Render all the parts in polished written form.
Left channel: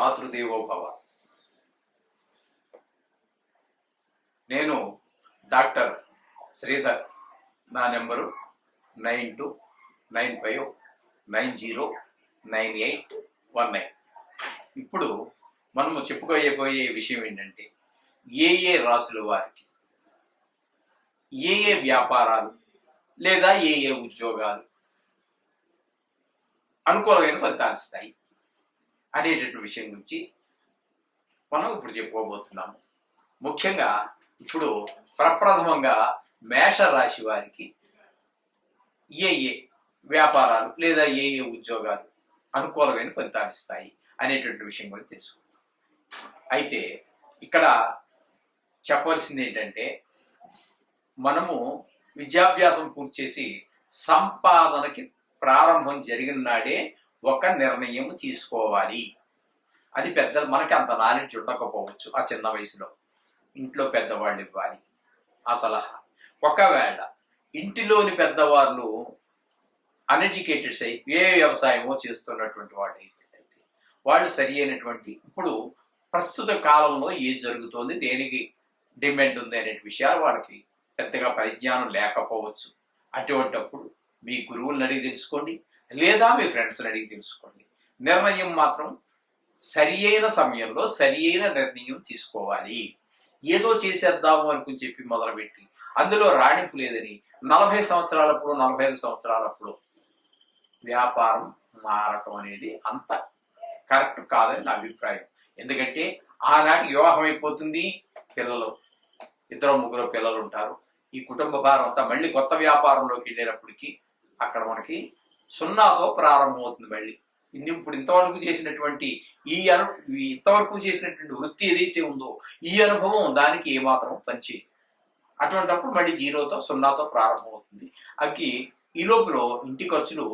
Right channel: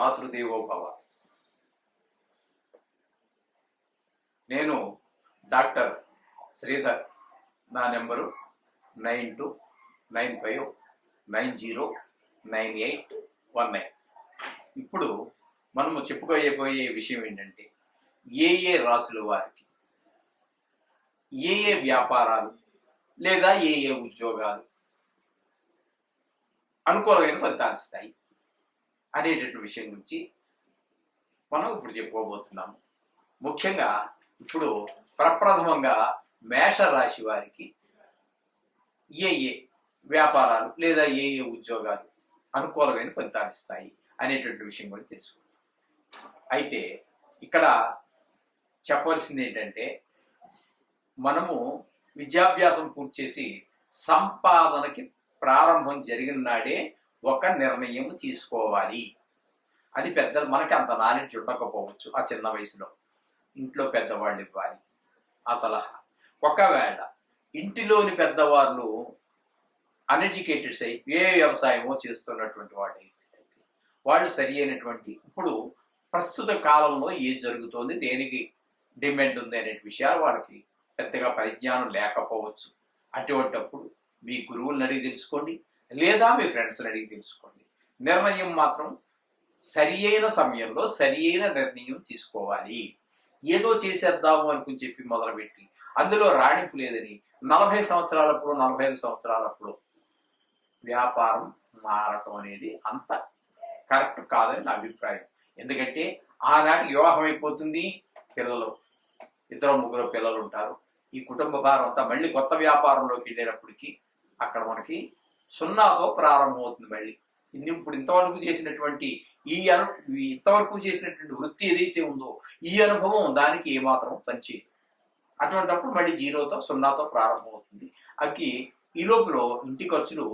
మాతృదేవో భవ. నేను డాక్టర్ శ్రీధర్. నా నెంబరు 9295909819. ఇప్పుడు మనము చెప్పుకోబోయే విషయం ఏంటంటే, ఏ రాసుల వారికి ఏ వ్యాపారాలు లేదా ఏ ఉద్యోగాలు అనుకూలమైన ఫలితాలు ఇస్తాయి అనేటటువంటి విషయం గురించి మనం ఇప్పుడు చెప్పుకోబోతున్నాము. ముఖ్యంగా ఇప్పుడు ప్రప్రథమంగా మేష రాశి వారికి ఏ వ్యాపారాలు లేదా ఏ ఉద్యోగాలు అనుకూలమైన ఫలితాలు ఇస్తాయి అనేటువంటి విషయం కూడా తెలుసుకుందాం. అయితే ఇక్కడ చెప్పవలసింది ఏంటంటే, మనము విద్యాభ్యాసం పూర్తి చేసి సంపాదనకి ప్రారంభం జరిగిన నాడే ఒక నిర్ణయం తీసుకోవాలి. అది పెద్దలు మనకి అంత నాలెడ్జ్ ఉండకపోవచ్చు. ఆ చిన్న వయసులో ఇంట్లో పెద్దవాళ్ళు ఇవ్వాలి ఆ సలహా. ఒకవేళ ఇంటిలోని పెద్దవాళ్ళు అన్ఎడ్యుకేటెడ్స్ అయి ఏ వ్యవసాయమో చేస్తున్నటువంటి వాళ్ళు అయితే వాళ్ళు సరి అయినటువంటి ఇప్పుడు ప్రస్తుత కాలంలో ఏం జరుగుతోంది, దేనికి డిమాండ్ ఉంది అనే విషయాలు వాళ్ళకి పెద్దగా పరిజ్ఞానం లేకపోవచ్చు. అటువంటప్పుడు మీ గురువులను అడిగి తెలుసుకోండి, లేదా మీ ఫ్రెండ్స్ని అడిగి తెలుసుకోండి. నిర్ణయం మాత్రం సరి అయిన సమయంలో సరి అయిన నిర్ణయం తీసుకోవాలి. ఏదో చేసేద్దాము అనుకుని చెప్పి మొదలుపెట్టి అందులో రాణింపు లేదని 40 సంవత్సరాలప్పుడు 45 సంవత్సరాలప్పుడు వ్యాపారం మారటం అనేది అంత కరెక్ట్ కాదని నా అభిప్రాయం. ఎందుకంటే ఆనాటికి వివాహం అయిపోతుంది, పిల్లలు 2-3 పిల్లలు ఉంటారు. ఈ కుటుంబ భారం అంతా మళ్ళీ కొత్త వ్యాపారంలోకి వెళ్ళేటప్పటికి అక్కడ మనకి 0తో ప్రారంభమవుతుంది. మళ్ళీ ఇప్పుడు ఇంతవరకు చేసినటువంటి వృత్తి ఏదైతే ఉందో ఈ అనుభవం దానికి ఏమాత్రం పనిచేయదు. అటువంటిప్పుడు మళ్ళీ 0తో ప్రారంభమవుతుంది. ఈ లోపల ఇంటి ఖర్చులు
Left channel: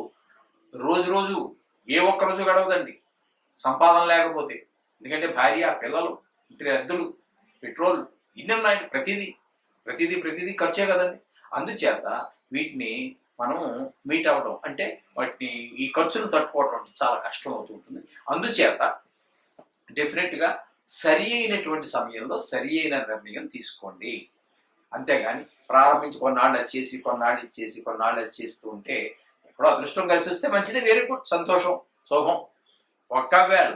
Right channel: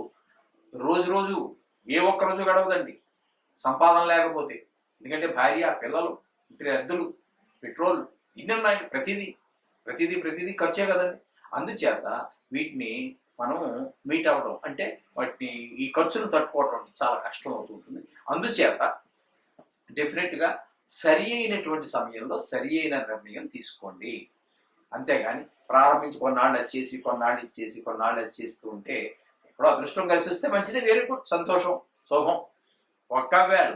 రోజు ఏ ఒక్క రోజు గడవదండి సంపాదన లేకపోతే. ఎందుకంటే భార్య, పిల్లలు, ఇంటి అద్దెలు, పెట్రోల్ ఇన్ని ఉన్నాయి. ప్రతిదీ ఖర్చే కదండి. అందుచేత వీటిని మనం మీట్ అవ్వడం అంటే వాటిని ఈ ఖర్చులు తట్టుకోవడం చాలా కష్టం అవుతుంటుంది. అందుచేత డెఫినెట్గా సరి అయినటువంటి సమయంలో సరి అయిన నిర్ణయం తీసుకోండి. అంతేగాని ప్రారంభించి కొన్నాళ్ళు వచ్చేస్తూ ఉంటే ఎప్పుడో అదృష్టం కలిసి వస్తే మంచిదే, వెరీ గుడ్, సంతోషం, శోభం. ఒకవేళ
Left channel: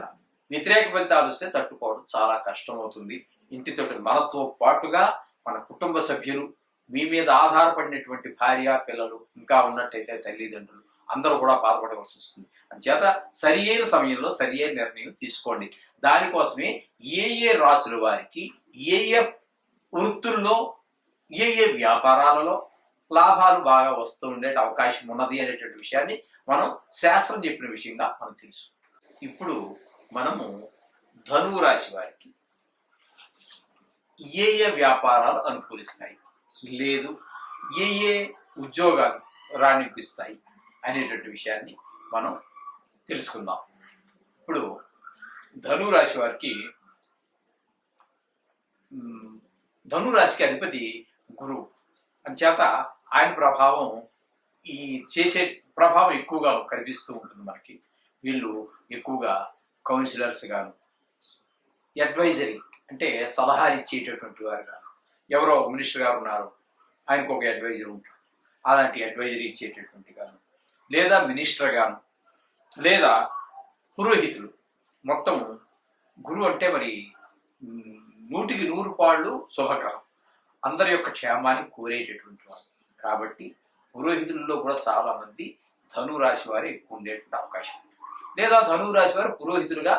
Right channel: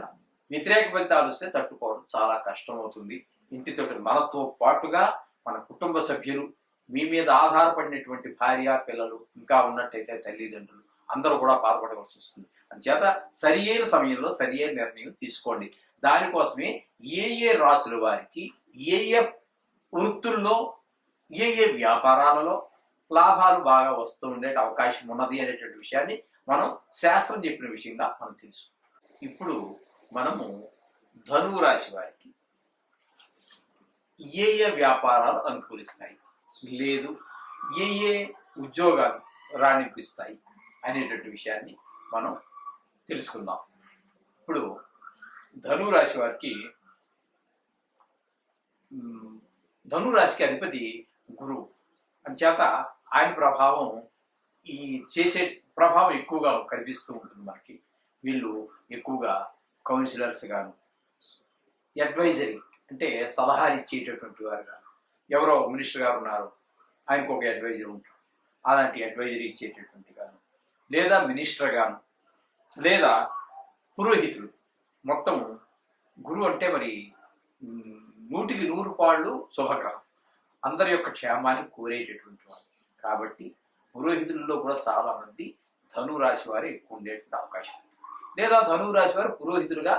వ్యతిరేక ఫలితాలు వస్తే తట్టుకోవడం చాలా కష్టం అవుతుంది. ఇంటితో మనతో పాటుగా మన కుటుంబ సభ్యులు, మీ మీద ఆధారపడినటువంటి భార్య, పిల్లలు, ఇంకా ఉన్నట్టయితే తల్లిదండ్రులు అందరూ కూడా బాధపడవలసి వస్తుంది. అందుచేత సరి అయిన సమయంలో సరి అయిన నిర్ణయం తీసుకోండి. దానికోసమే ఏ రాసుల వారికి ఏ వృత్తుల్లో ఏ వ్యాపారాలలో లాభాలు బాగా వస్తూ ఉండే అవకాశం ఉన్నది అనేటువంటి విషయాన్ని మనం శాస్త్రం చెప్పిన విషయంగా మనం తెలుసు. ఇప్పుడు మనము ధనువు రాశి వారికి ఏ వ్యాపారాలు అనుకూలిస్తాయి, లేదు ఏ ఉద్యోగాలు రాణిపిస్తాయి అనేటువంటి విషయాన్ని మనం తెలుసుకుందాం. ఇప్పుడు ధనువు రాశి వారికి ధనురాశికి అధిపతి గురువు. అంచేత ఆయన ప్రభావం చేసే ప్రభావం ఎక్కువగా కనిపిస్తూ ఉంటుంది మనకి. వీళ్ళు ఎక్కువగా కౌన్సిలర్స్ గాను, అడ్వైజరీ అంటే సలహాలు ఇచ్చేటటువంటి వారు గాను, ఎవరో మినిస్టర్ గారు ఉన్నారు ఆయనకు ఒక అడ్వైజర్ ఉంటారు, అలాంటి అడ్వైజరీ ఇచ్చేటటువంటి గాను, లేదా మినిస్టర్ గాను, లేదా పురోహితులు. మొత్తం గురువు అంటే మరి 100కి 100 పాళ్ళు శుభగ్రహం, అందరి యొక్క క్షేమాన్ని కోరేటటువంటి వారు. కాబట్టి పురోహితులలో కూడా చాలా మంది ధనురాశి వారు ఎక్కువ ఉండేటువంటి అవకాశం ఉంది. లేదా ధనురాశి వారు పురోహితులుగా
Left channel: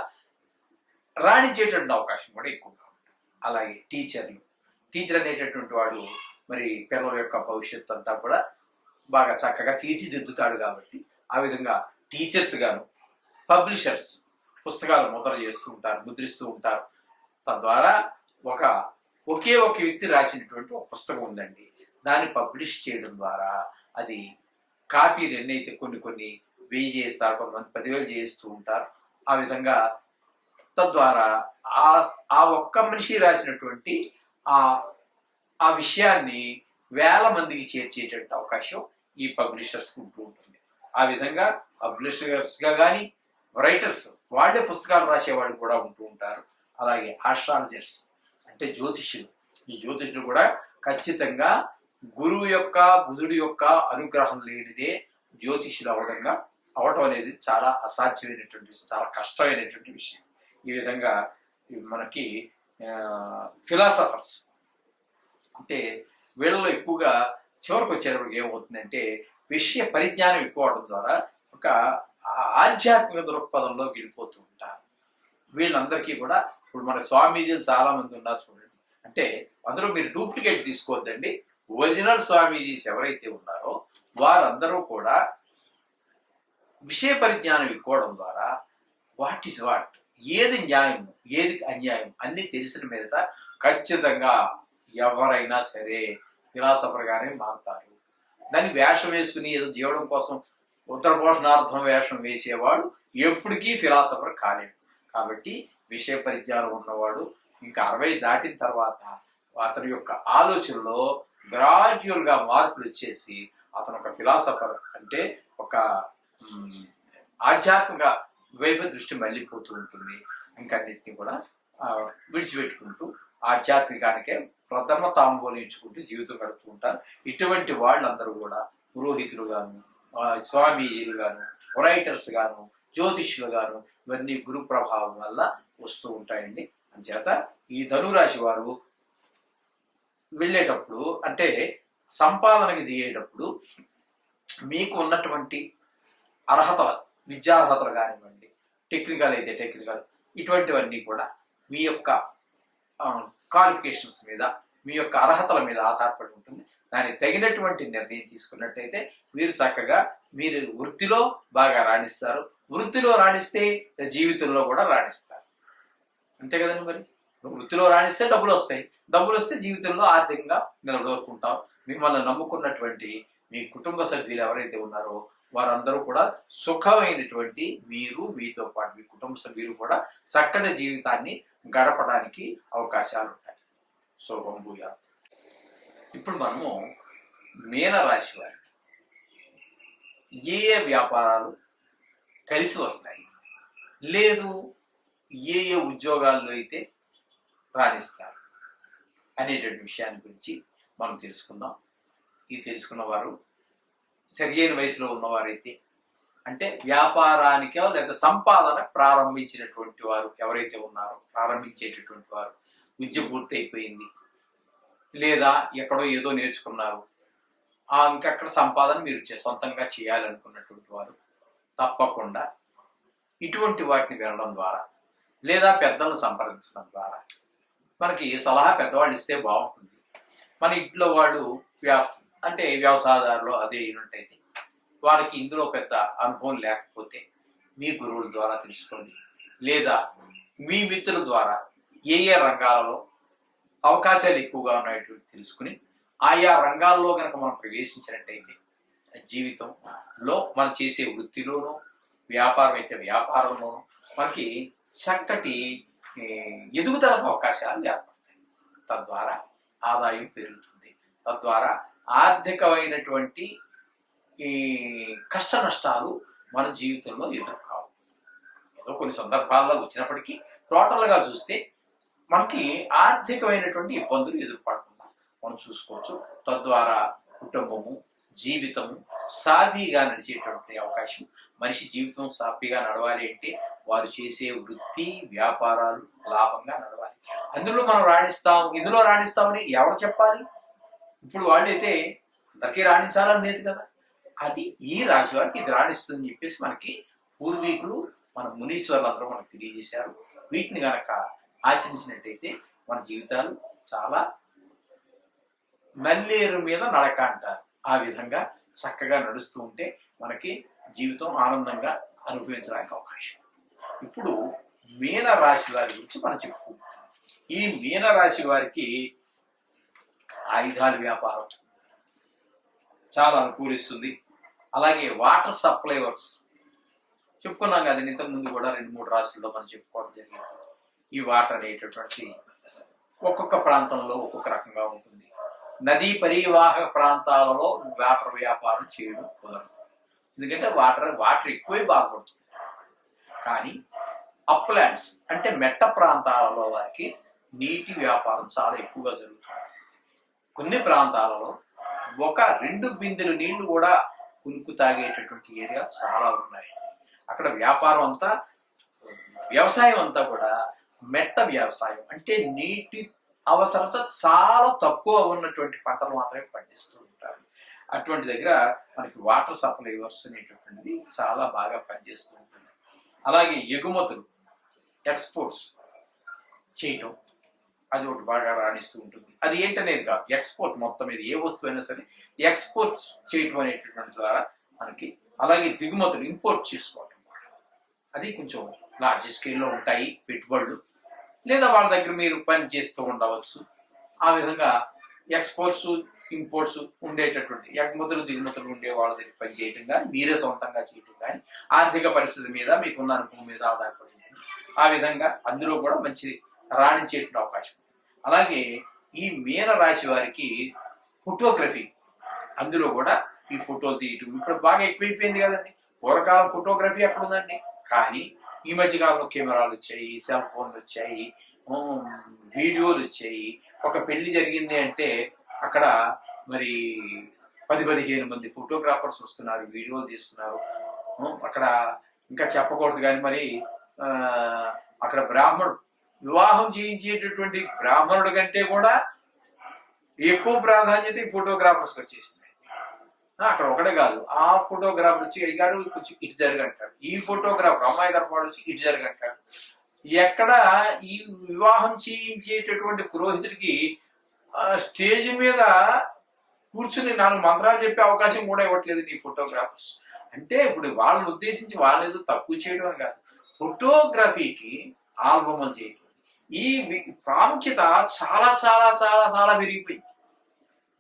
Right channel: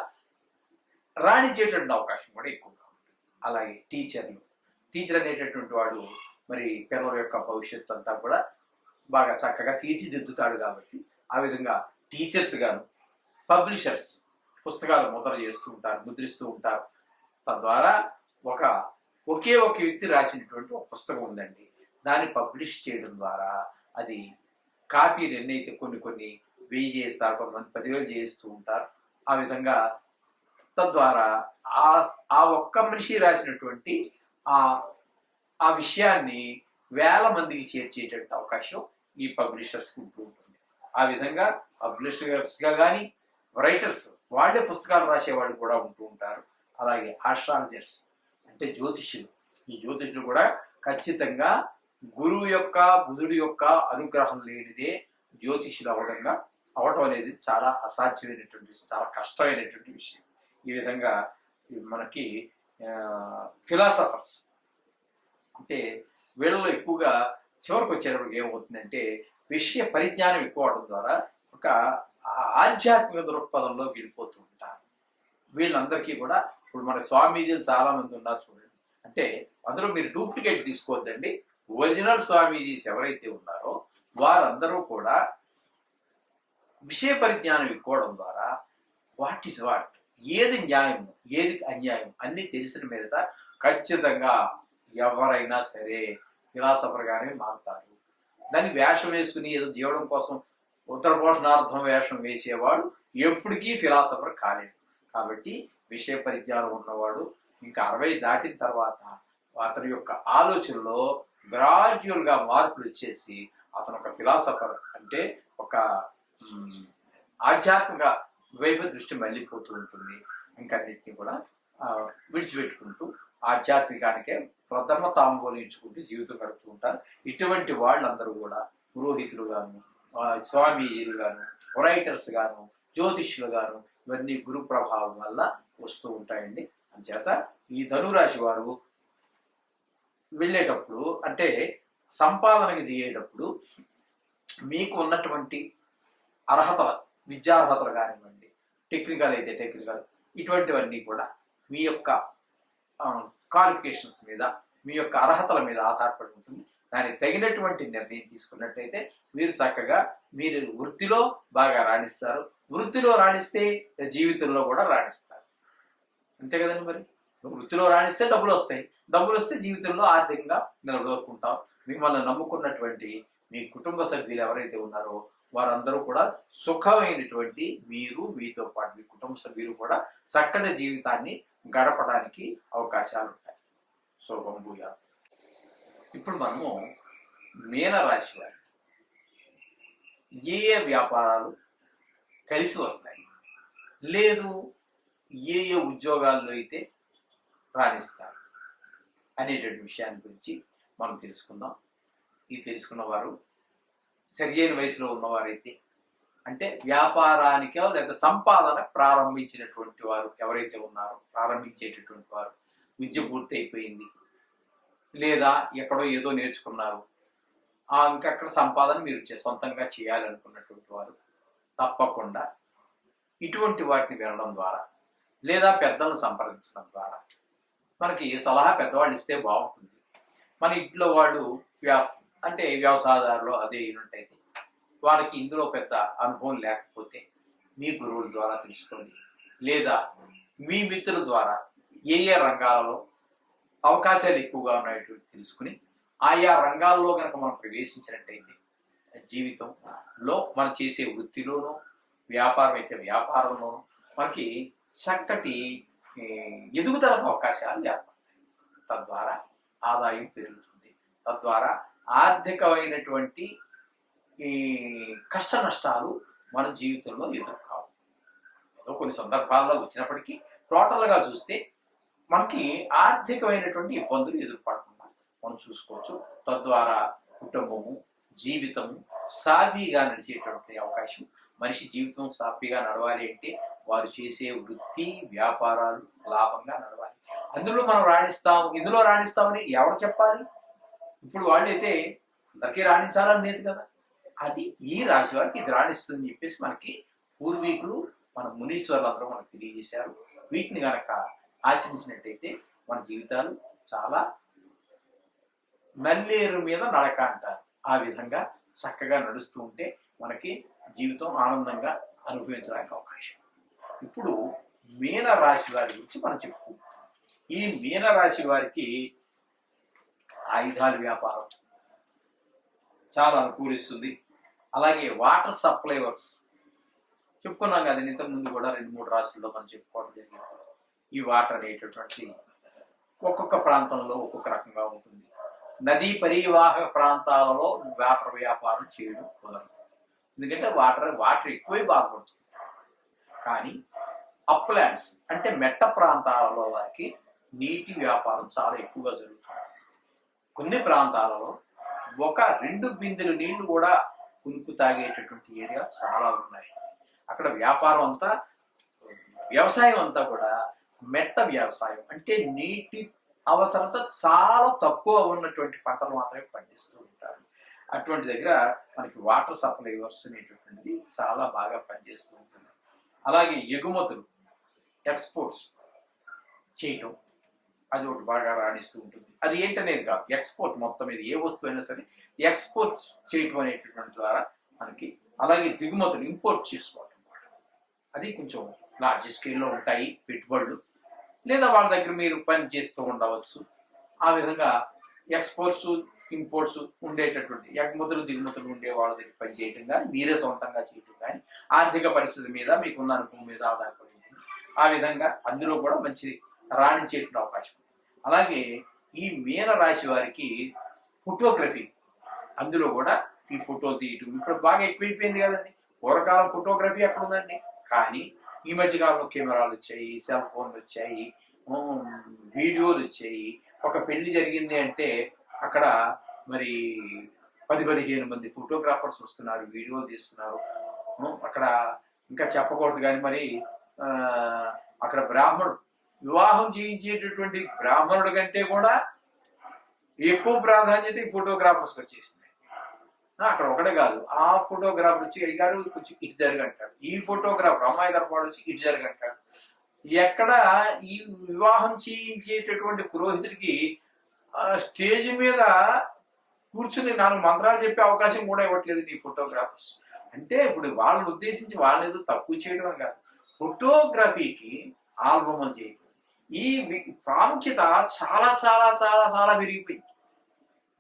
రాణించేటువంటి అవకాశం కూడా ఎక్కువగా ఉంటుంది. అలాగే టీచర్ అనేటటువంటి వాడు మరి పిల్లల యొక్క భవిష్యత్తు అంతా కూడా బాగా చక్కగా తీర్చిదిద్దుతాడు. కాబట్టి ఆ విధంగా టీచర్స్ గాను, పబ్లిషర్స్ పుస్తకాలు ముద్రిస్తూ ఉంటారు. తద్వారా ఒకే ఒక వ్యక్తి రాసినటువంటి ఒక పుస్తకం ఉందండి, దాన్ని పబ్లిష్ చేయడం ద్వారా అది కాపీలు ఎన్నైతే కొన్ని 1000 చేస్తారు, కొంతమంది 10,000 చేస్తూ ఉంటారు. ఆ విధంగా తద్వారా ఆ ఒక్క మనిషి రాసినటువంటి ఆ విషయాన్ని 1000 మందికి చేర్చేటటువంటి అవకాశం ఈ పబ్లిషర్స్కి ఉంటూ ఉంటుంది. ఆ విధంగా పబ్లిషర్స్గా కానీ, రైటర్స్, వాళ్ళే పుస్తకాలు రాసేవాళ్ళు కూడా ఉంటూ ఉంటారు. అలాగే ఆస్ట్రాలజర్స్ అంటే జ్యోతిష్యులు, ఈ జ్యోతిష్యులు కూడా ఖచ్చితంగా గురువు యొక్క బుధుడి యొక్క అనుగ్రహం లేనిదే జ్యోతిష్యులు అవటం అనేది చాలా అసాధ్యమైనటువంటి విషయం, చాలా కష్టమైనటువంటి విషయం. ఈ విధంగా మనకి ఫిలాసఫర్స్ అంటే వీళ్ళలో ఎక్కువగా చివరికి వచ్చేటప్పటికి ఏమవుతుందంటే విషయ పరిజ్ఞానం ఎక్కువ అవడం ద్వారా ఒక ఆధ్యాత్మిక దృక్పథంలో వెళ్ళిపోతూ ఉంటారు. వీళ్ళందరికీ కూడా ఇప్పుడు మన స్వామీజీలు చాలా మంది ఉన్నారు చూడండి. అంటే అందులో మీరు డూప్లికేట్ తీసుకోవద్దండి. ఒరిజినల్ స్వామీజీస్ ఎవరైతే ఉన్నారో వారందరూ కూడా విషయ పరిజ్ఞానం ఎక్కువడం ద్వారా వాట్ ఈస్ వాట్, ఏది న్యాయం ఏది అన్యాయం అన్ని తెలిసిన మీదట ఖచ్చితంగా ఎవరైనా సరే ఫిలాసఫర్గానే మారుతారు. దాన్ని వేషం వేసుకుని ఏదో జీవడం కోసం ఉత్తర పోషణార్థం వేషం వేసేవాడు ఎప్పటికీ ఫిలాసఫర్ కాలేడు. కాబట్టి విషయ పరిజ్ఞానం ఉన్నవాడు ఇంకా 60 దాటిన తర్వాత అతని యొక్క ఆలోచనలో గ్రాడ్యువల్గా మార్పులు వచ్చేసి అతను ఒక ఫిలాసఫర్ అంటే ఒక ఆధ్యాత్మిక వైపు దృష్టి మళ్ళీపోతూ ఉంటుంది. ఇంకన్నిటిని కూడా విడిచిపెట్టుకుంటూ ఆధ్యాత్మికానికే ప్రథమ తాంబూలించుకుంటూ జీవితం గడుపుతూ ఉంటారు. ఇటువంటి వాళ్ళందరూ కూడా పురోహితులు గాను, స్వామీజీలు గాను, రైటర్స్ గాను, జ్యోతిష్యులు గాను ఇవన్నీ గురు ప్రభావం వల్ల వస్తూ ఉంటాయండి. అంచేత ఈ ధనురాశి వారు వెళ్ళేటప్పుడు అంటే సంపాదనకి దిగేటప్పుడు మీకు ఉన్నటువంటి అర్హతలు, విద్యార్హతలు కానివ్వండి, టెక్నికల్ అయితే టెక్నికల్, ఇటువంటివన్నీ కూడా మీ యొక్క క్వాలిఫికేషన్స్ మీద, మీ యొక్క అర్హతల మీద ఆధారపడి ఉంటుంది. దానికి తగినటువంటి నిర్ణయం తీసుకున్నట్టయితే మీరు చక్కగా మీరు వృత్తిలో బాగా రాణిస్తారు. వృత్తిలో రాణిస్తే జీవితంలో కూడా రాణిస్తారు. అంతే కదండి. మరి వృత్తిలో రాణిస్తే డబ్బులు వస్తాయి, డబ్బులు వస్తే జీవితంలో ఆర్థికంగా నిలదొక్కుంటాం. మిమ్మల్ని నమ్ముకున్నటువంటి మీ కుటుంబ సభ్యులు ఎవరైతే ఉన్నారో వారందరూ కూడా సుఖమైనటువంటి మీరు, మీతో పాటు మీ కుటుంబ సభ్యులు కూడా చక్కటి జీవితాన్ని గడపడానికి అవకాశాలు ఉంటాయి. శుభం భూయాత్. ఇప్పుడు మనము మీనరాశి వారికి ఏ ఏ వ్యాపారాలు కలిసి వస్తాయి, లేదు ఏ ఏ ఉద్యోగాల్లో అయితే రాణిస్తారు అనేటువంటి విషయాన్ని గురించి మనం తెలుసుకుందాం. ఈ తెలుసుకున్న వారు సరియైన వయసులో ఉన్నవారైతే అంటే వ్యాపారానికో లేదా సంపాదన ప్రారంభించినటువంటి వారు ఎవరైతే ఉన్నారో, ప్రారంభించేటటువంటి వారు విద్య పూర్తి అయిపోయింది లేదా ఎక్కడో ఏదో నేర్చుకున్నారు, ఇంకక్కడ సంపాదన మీరు సొంతంగా చేయాలనుకున్నటువంటి వారు తప్పకుండా ఇటువంటి వాటిని వినడం ద్వారా లేదా పెద్దలను సంప్రదించడం ద్వారా మనకి సలహా పెద్దవాళ్ళు ఇస్తే బాగుంటుంది. మన ఇంట్లో వాళ్ళు అంటే వ్యవసాయదారులు అదే అయినట్టయితే వారికి ఇందులో పెద్ద అనుభవం లేకపోతే మీ గురువుల ద్వారా తెలుసుకోండి, లేదా మీ మిత్రుల ద్వారా ఏ ఏ రంగాలలో అవకాశాలు ఎక్కువగా ఉన్నాయటువంటి తెలుసుకుని ఆయా రంగాల్లో కనుక మనం ప్రవేశించినట్టయితే జీవితంలో మనం చేసే వృత్తిలోనూ, వ్యాపారం అయితే వ్యాపారంలోనూ మనకి చక్కటి ఎదుగుదలకు అవకాశాలు ఏర్పడతాయి. తద్వారా ఆదాయం పెరుగుతుంది. తద్వారా ఆర్థికమైనటువంటి ఈ కష్ట నష్టాలు మన జీవితంలో ఎదుర్కావు. ఏదో కొన్ని సందర్భాల్లో వచ్చినప్పటికీ టోటల్గా చూస్తే మనకి ఆర్థికమైనటువంటి ఇబ్బందులు ఎదుర్పడకుండా మనం చూసుకోవచ్చు. తద్వారా కుటుంబము, జీవితము సాఫీగా నడిచేటువంటి అవకాశం. మనిషి జీవితం సాఫీగా నడవాలి అంటే వారు చేసే వృత్తి వ్యాపారాలు లాభంగా నడవాలి. అందులో మనం రాణిస్తాం, ఇందులో రాణిస్తామని ఎవరు చెప్పాలి? ఇప్పుడు వాళ్ళైతే అందరికీ రాణించాలని లేదు కదా. అది ఈ రాశి వారికి ఇది రాణిస్తుందని చెప్పేసి మనకి పూర్వీకులు, మన మునీశ్వర్లు అందరూ మనకు తెలియజేశారు. వీటిని గనక ఆచరించినట్టయితే మన జీవితాలు చాలా నల్లేరు మీద నడక అంటారు. ఆ విధంగా చక్కగా నడుస్తూ ఉంటే మనకి జీవితం ఆనందంగా అనుభవించడానికి అవకాశం. ఇప్పుడు మీనరాశి వారి గురించి మనం చెప్పుకుంటాం. ఈ మీనరాశి వారికి ఆయుధాల వ్యాపారం చాలా అనుకూలిస్తుంది. అలాగే వాటర్ సప్లై వర్క్స్ చెప్పుకున్నాం కదా, ఇంతకు ముందు కూడా 2-3 రాశుల్లో మనం చెప్పుకోవడం జరిగింది. ఈ వాటర్ అనేటటువంటి ఒక్కొక్క ప్రాంతంలో ఒక్కొక్క రకంగా ఉంటుంది. నదీ పరివాహక ప్రాంతాలలో వాటర్ వ్యాపారం చేయడం కుదరదు. ఎందుకంటే వాటర్ ఎక్కువే బాధపడుతుంది. కానీ అప్లాండ్స్ అంటే మెట్ట ప్రాంతాలలో వారికి నీటి వ్యాపారం చాలా ఎక్కువగా జరుగుతుంది. కొన్ని ప్రాంతాలలో 1-2 బిందెలు నీళ్లు కూడా కునుకు తాగేటటువంటి ఏరియా చాలా ఉన్నాయి. అక్కడ వ్యాపారం అంతా, వ్యవసాయం అంతా కూడా మెట్ట వ్యవసాయం అంటే నీటి అవసరత చాలా తక్కువ ఉన్నటువంటి పంటలు మాత్రమే పండిస్తూ ఉంటారు. అటువంటి దగ్గర మనకి వాటర్ సప్లైవర్స్ అనేటటువంటిది చాలా బాగా పనిచేస్తూ ఉంటుంది. అలాగే ఎగుమతులు, ఎక్స్పోర్ట్స్ చేయటం అది ఒకటి బాగా రాణిస్తూ ఉంటుంది. అది ఏంటనేది కాదు, ఎక్స్పోర్ట్ మొత్తం మీద ఏ వస్తువు అయినా సరే ఎక్స్పోర్ట్స్ చేయటం అనేటటువంటి ద్వారా మనకి, అలాగే దిగుమతులు ఇంపోర్ట్ చేసుకోవటం అది కొంచెం లార్జ్ స్కేల్లో ఉంటాయి పెట్టుబడులు, లేదా వాళ్ళ దగ్గర మీరు పని చేస్తూ ఉండవచ్చు. ఆ విధంగా ఎక్స్పోర్ట్స్ ఇంపోర్ట్స్ ఉండేటటువంటి ఎగుమతులు దిగుమతులు ఉండే వాళ్ళ దగ్గర పని చేయటం కానీ, మీరే సొంతంగా చేయటం కానీ, ఆర్థిక పరిస్థితి మీద మీకున్న అనుభవం మీద ఆధారపడి ఆ విధంగా అందులో కూడా మంచి రాణించేటువంటి అవకాశం. అలాగే ఈ మీన రాశి వారికి ఫోటోగ్రఫీ, అందులో కూడా ఈ ఫోటోలు తీయటం ఇప్పుడు బాగా ఎక్కువైపోయింది కదండి. పూర్వకాలం ఫోటోగ్రఫీ ఎక్కడ ఉందండి, కానీ ఈ మధ్యకాలంలో కెమెరాలు వచ్చాయి, సెల్ ఫోన్లు వచ్చాయి, వీడియోలు వచ్చాయి. ఒక పెళ్లి జరిగింది అంటే అక్కడ మరి 10-15 మంది ఫోటోగ్రాఫర్స్ వస్తున్నారు, వీడియోలు తీస్తున్నారు. అక్కడ ఇంకా చెప్పకూడదు కానీ మరి అక్కడ బ్రాహ్మణుడు వివాహం చేయించేటటువంటి బ్రాహ్మణుడి కంటే కూడా ఎక్కువ ప్రాధాన్యత ఈ ఫోటోగ్రాఫర్స్కి వచ్చేసింది. అక్కడ ఒకటే కాదు, ఆ ఫోటోగ్రాఫర్ వచ్చి అయ్యారు కొంచెం ఇటు జరగంటారు, ఈ ఫోటోగ్రాఫర్ అమ్మాయి తరపాడు వచ్చి ఇటు జరగంటారు. ఎక్కడ ఈ వివాహం చేయించేటటువంటి పురోహితుడికి స్టేజ్ మీద కూర్చుని 4 మంత్రాలు చెప్పే అవకాశం కూడా ఇవ్వట్లేదు ఈ ఫోటోగ్రాఫర్స్. అంటే ఇప్పుడు వాళ్ళని ఉద్దేశించి వాళ్ళని ఏదో తక్కువ చేయడం కాదు, ఫోటోగ్రఫీకి ఆల్బమ్లు చేయడం ఈ ప్రాముఖ్యత చాలా చాలా చాలా చాలా పెరిగిపోయింది.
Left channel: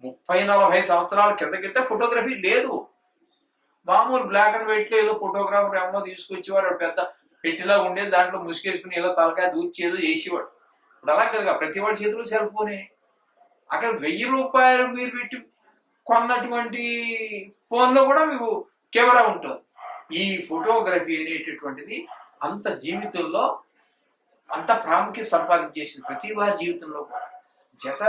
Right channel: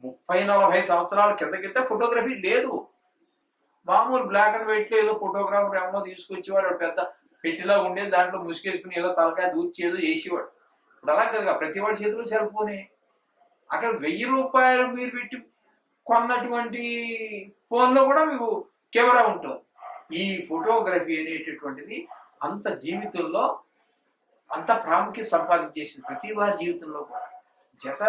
30-40 సంవత్సరాల కిందకైతే ఫోటోగ్రఫీ లేదు. మామూలు బ్లాక్ అండ్ వైట్ లో ఏదో ఫోటోగ్రాఫర్ ఏమో తీసుకొచ్చేవాడు, పెద్ద పెట్టిలా ఉండేది, దాంట్లో ముసుగేసుకుని ఏదో తలకాయ దూర్చేదో చేసేవాడు. ఇప్పుడు అలా కదా, ప్రతి వాడి చేతిలో సెల్ ఫోనే. అక్కడ 1000 రూపాయలు మీరు పెట్టి కొన్నటువంటి ఫోన్లో కూడా మీకు కెమెరా ఉంటుంది. ఈ ఫోటోగ్రఫీ అనేటటువంటిది అంత జీవితంలో అంత ప్రాముఖ్యత సంపాదించేసింది ప్రతి వారి జీవితంలో కూడా. జత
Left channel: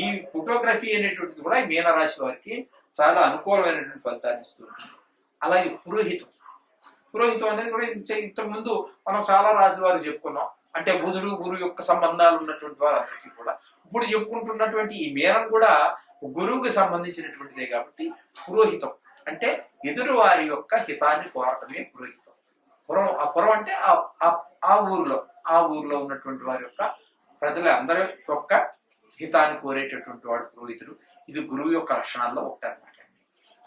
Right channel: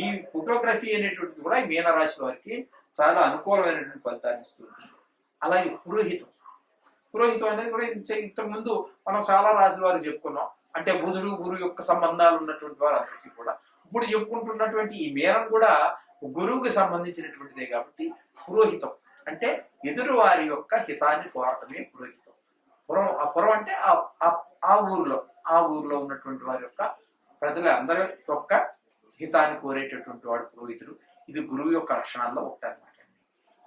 ఈ ఫోటోగ్రఫీ అనేటువంటిది కూడా ఈ మీనరాశి వారికి చాలా అనుకూలమైనటువంటి ఫలితాన్ని ఇస్తుంది. అలాగే పురోహితం అనేది కూడా ఇంతకుముందు మనం చాలా రాశి వారు చెప్పుకున్నాం. అంటే బుధుడు గురువు యొక్క సంబంధాలు ఉన్నటువంటి వారందరికీ కూడా ఇప్పుడు చెప్పుకుంటున్నటువంటి ఈ మీనం కూడా గురువుకి సంబంధించినటువంటిదే. కాబట్టి పురోహితం అంటే ఎదురు వారి యొక్క హితాన్ని కోరటమే పురోహితం. పురం అంటే ఆ ఊరిలో ఉన్నటువంటి వారి యొక్క ప్రజలందరి యొక్క హితాన్ని కోరేటటువంటి వాడు పురోహితుడు. ఇది గురువు యొక్క లక్షణాల్లో ఒకటి అనమాట అండి.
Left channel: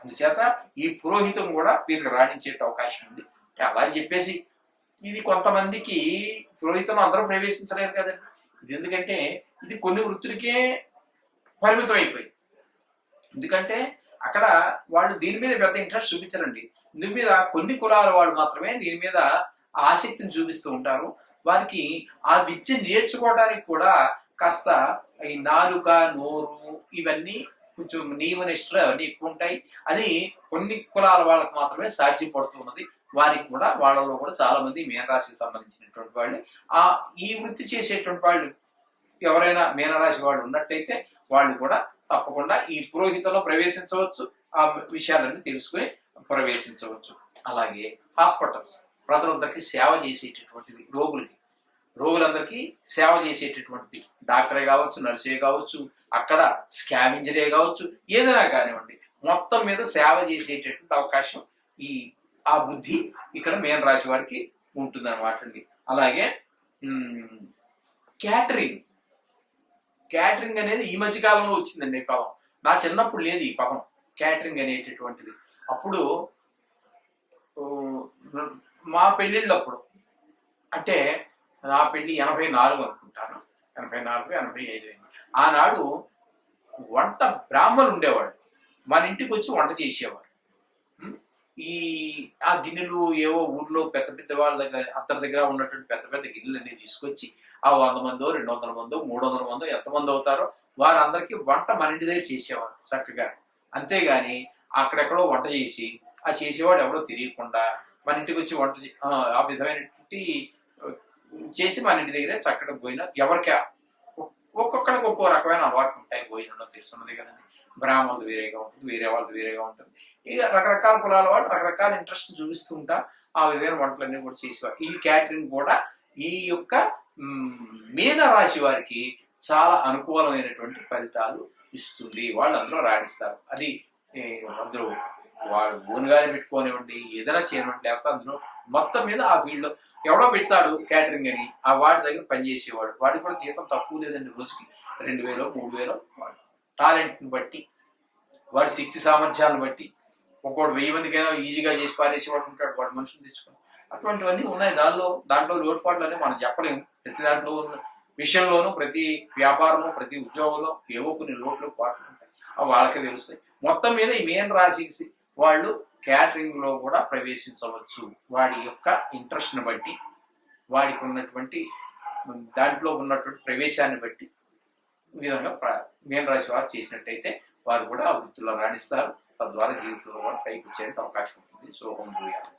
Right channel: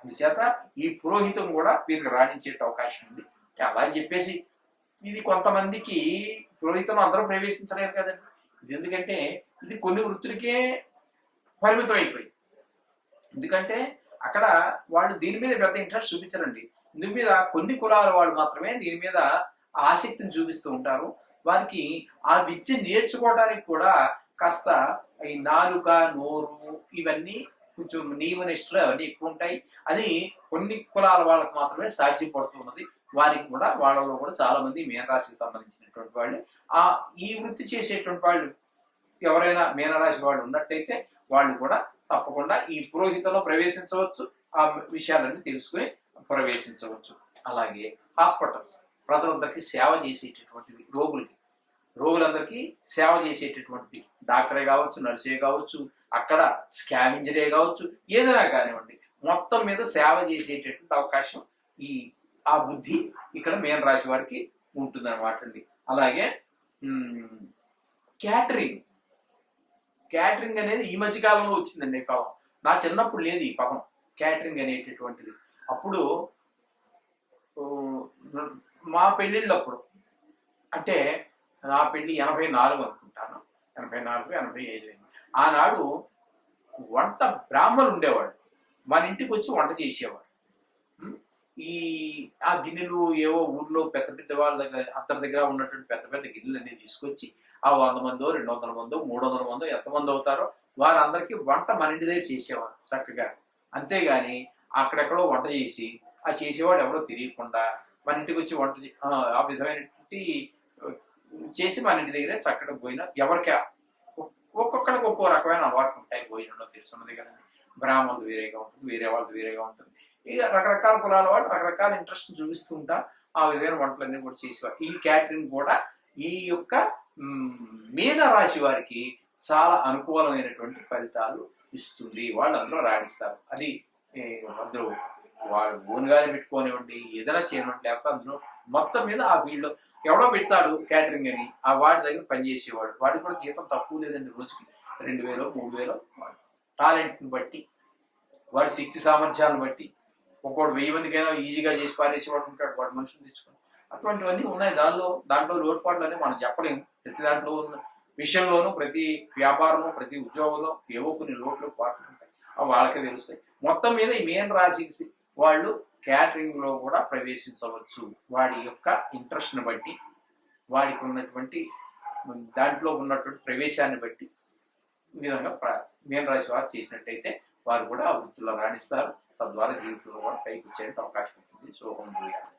అందుచేత ఈ పురోహితం కూడా వీరికి రాణించే అవకాశం ఉంది. అలా చెప్పేసి ఇది కొంతమందికి పురోహితంలో అందరూ ప్రవేశించలేరు కదండి. ఇది ఎందుకంటే ఇది కొన్ని వృత్తులకే పరిమితం అయిపోయింది. ఎందుకంటే అక్కడ వాళ్ళు దీని మీద పెద్ద ఇంట్రెస్ట్ చూపించరండి. దీని మీద కొన్ని కులాల వాళ్ళు మాత్రమే దీని మీద ఆసక్తిని చూపిస్తూ ఉంటారు. వారికి ఆ విద్య నేర్చుకోవడానికి కూడా కాస్త ఈ నాలుక, నోరు ఇవన్నీ కొంచెం నియమనిష్టలు అవన్నీ ఎక్కువ ఉంటాయి. అది కొన్ని కులాల వాళ్ళకి మాత్రమే సాధ్యపడుతున్నది. వారికి కూడా వాళ్ళలో కూడా చాలా మంది మీనరాశికి సంబంధించినటువంటి వాళ్ళు ఈ వృత్తి చేసేటువంటి వాళ్ళు ఎవరైనా మీనరాశి వాళ్ళు ఉన్నట్టయితే వాళ్ళు కూడా తప్పకుండా ఈ పురోహితంలో ప్రవేశించవచ్చు, ఆ విషయాలన్నీ తెలుసుకుని ప్రవేశించవచ్చు. అలాగే హాస్పిటల్స్ ప్రజలందరికీ సేవ చేసేటటువంటిది, రోగులందరికీ సేవ చేసేటటువంటిది డాక్టరే కావచ్చు, నర్సే కావచ్చు, అక్కడ స్కావెంజరే కావచ్చు, ఏదైనా కానివ్వండి, మొత్తం మీద సేవ చేసేటటువంటి అవకాశం ఆ బుద్ధి ఇక్కడ మీన రాశి వారికి ఉంటుంది అనమాట అండి. అలాగే క్యాటరింగ్ అనేది ఈ మధ్య కాలంలో వచ్చిందండి. ఈ పదం నా చిన్నప్పుడు లేదు. ఈ పదం క్యాటరింగ్ అనేటటువంటిది అప్పుడు మా పెళ్ళిళ్ళప్పుడు, అంటే నా పెళ్లి 84 అనుకుంటాను, 84, 85. ఆనాడు వంట బ్రాహ్మణులు ఉండేవాడు, మన ఇంటికి వచ్చి వంట చేసేవారు. ఆ గిన్నెలు ఏవో ఊర్లో పెద్ద పెద్ద వాళ్ళ దగ్గర అందరి దగ్గర ఉన్నటువంటి పెద్ద పెద్ద గిన్నెలు అన్ని తీసుకొచ్చి ఆ 100 మందో 200 మందో 300 మందో ఎంతమంది అవుతారో వారందరికీ వంట మన ఇంటి దగ్గర చేసేవారు చక్కగా. అంతేగాని అక్కడెక్కడో వంట చేసి ఆ చేసేవాడు ఎవరో తెలియకుండా మన ఇంటికి వచ్చి వంట ఆ విధమైన కాబట్టి చేసి మన ఇంటి దగ్గరే చక్కటి భోజనం ఎవరికి ఒక్కొక్కరికి ఒక్కో రకమైన అలవాట్లు ఉంటాయి. భోజనంలో తెలుసున్నది కదండి. బ్రాహ్మణులు వేరేగా ఉంటుంది, వేరే వాళ్ళు వేరేగా ఉంటుంది. ఇక రకరకాల కులాల వాళ్ళు రకరకాల ఇంట్రెస్ట్ చూపిస్తూ ఉంటా ఆ విధమైన వంటలన్నీ కూడా చేసేవారు. ఈ క్యాటరింగ్ కూడా ఈ యొక్క మీన రాశి వారికి చాలా అనుకూలమైనటువంటి ఫలితాలు ఇస్తుంది. వాళ్ళు అందులో రాణిస్తారు. అది అందులో వాడు ఓన్గానే పెట్టుకోనివ్వండి, ఏదైనా చేయనివ్వండి, లేకపోతే అందులో మొత్తం మీద ఆ ఫీల్డ్లో ఎవడో పెడతాడు క్యాటరింగ్ అని, ఆ వాడి దగ్గర పనిచేసేవాడు. వాడికి కూడా జీతం తక్కువ లేదండి, రోజుకి 2000 3000 టాలెంట్ని బట్టి, వాడి శక్తి సామర్థ్యాలను బట్టి. ఒక్కోడు 1000 మందికైనా ఈజీగా చేసి పారేసేవాడు ఉంటాడు, వాడు మనుషులు తెచ్చుకొని. అటువంటివన్నీ ఉన్నాయి. దాంట్లో లోటుపాట్లు అని మనం చెప్పలేము. ప్రతి దాంట్లో విషయంలోనూ, ప్రతి వ్యాపారంలో, ప్రతి ఉద్యోగంలో ఏవో కొన్ని లోట్లు పాటలు ఉంటాయి. అవి వాళ్ళకే తెలుస్తాయి. మొత్తం మీద ఈ మీన రాశికి వాళ్ళు క్యాటరింగ్ లో కూడా ప్రవేశించవచ్చు. వాడి యొక్క ఇంట్రెస్ట్ని బట్టి, వాడికి ఉన్నటువంటి దాంట్లో ఉన్నటువంటి ప్రవేశాన్ని బట్టి ఈ విధంగా మీన రాశి వారు చేసినట్టయితే వారు కూడా ఆ వృత్తిలో రాణిస్తారు. తద్వారా జీవితంలో కూడా పైకి వచ్చేందుకు అవకాశం ఉంటుంది. శుభం భూయాలు.